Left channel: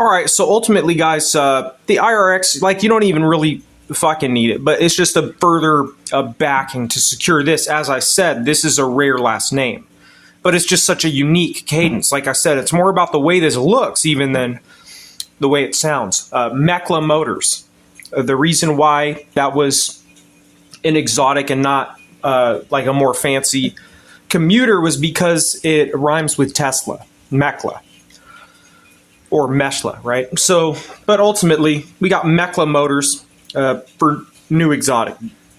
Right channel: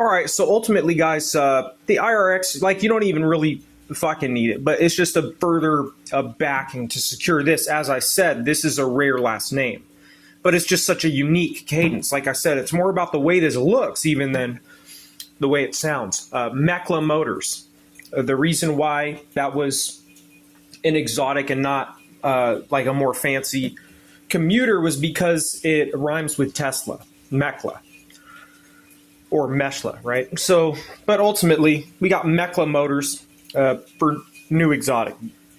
All right, so ultimately, guys, the IRX, like, you don't even really fucking need it, but it's just a further backing to secure this. As I said, this is a rare last name, but it's just such a unique cadence. Like I said, it's more about the way this looks even than the way it sounds. Mechle Motors. The reason why that was an exotic and not like a more fancy commuter was because it rhymes with Tesla, Mechle. Or Mechle, right? So, but ultimately, we got Mechle Motors for new exotic.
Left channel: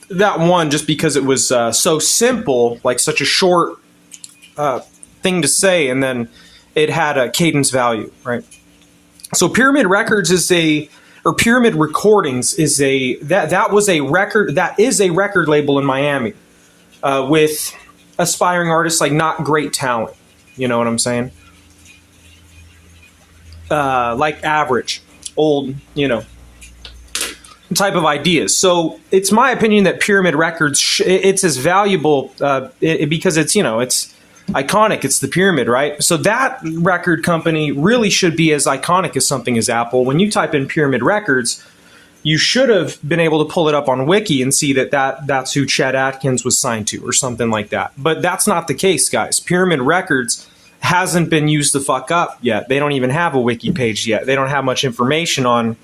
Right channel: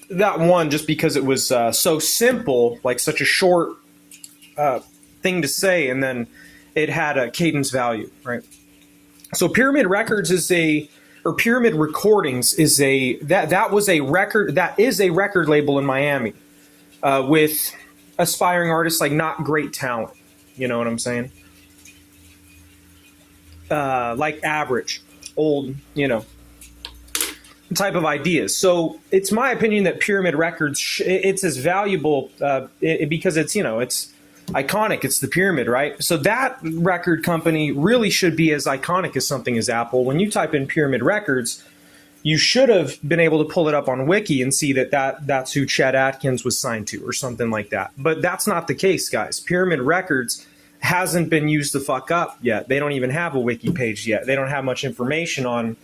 That one, just because it was so simple, like such a short thing to say, and then it had a cadence value, right? So Pyramid Records is or Pyramid Recordings is that was a record, that is a record label in Miami with aspiring artists, like not great talent. You know what I'm saying? Like average, old, type of ideas. So it's my opinion that Pyramid Records, it's as valuable because it's, it's iconic. It's the pyramid, right? So that record company really should be as iconic as something as Apple. When you type in Pyramid Records, you should have been able to pull it up on Wiki and see that's who Chet Atkins was signed to or something like that. But that's not the case, guys. Pyramid Records hasn't been used the fuck up yet. They don't even have a wiki page yet. They don't have much information on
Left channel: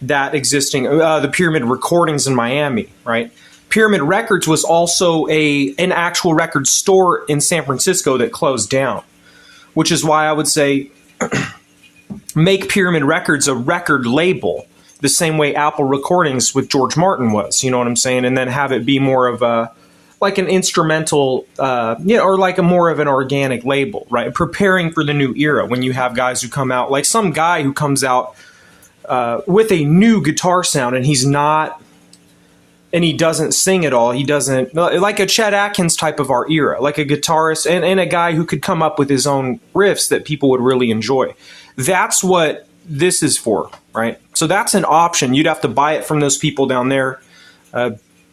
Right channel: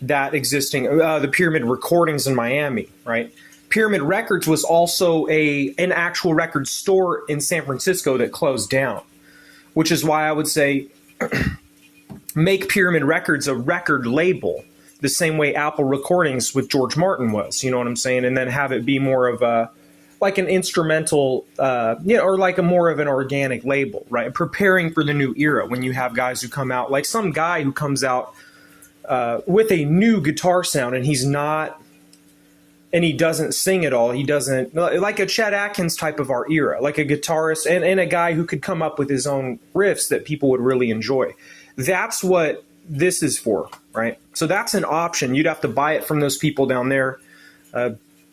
that existing, the Pyramid Recordings in Miami, right? Pyramid Records was also an actual record store in San Francisco that closed down, which is why I would say make Pyramid Records a record label the same way Apple Recordings with George Martin was, you know what I'm saying? And then have it be more of a, like an instrumental, or like a more of an organic label, right? Preparing for the new era when you have guys who come out, like some guy who comes out with a new guitar sound and he doesn't sing at all. He doesn't, like a Chet Atkins type of our era, like a guitarist and a guy who could come up with his own riffs that people would really enjoy. That's what this is for, right? So that's an option. You'd have to buy it from those people down there,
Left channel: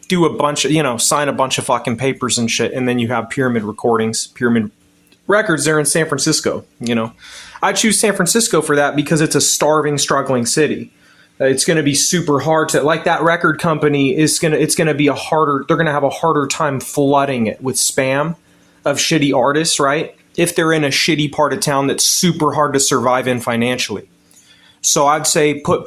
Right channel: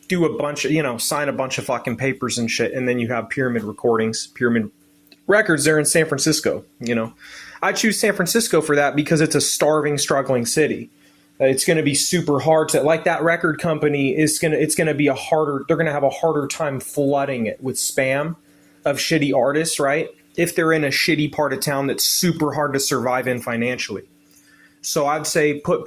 do a bunch of, sign a bunch of fucking papers and shit, and then you have Pyramid Recordings, Pyramid Records there in San Francisco, I choose San Francisco for that because it's a starving, struggling city. It's going to be super hard to, like that record company it's going to be they're going to have a harder time flooding it with spam of shitty artists, right? If they're in a shitty part of town that's super hard to survive in financially. So I'd say put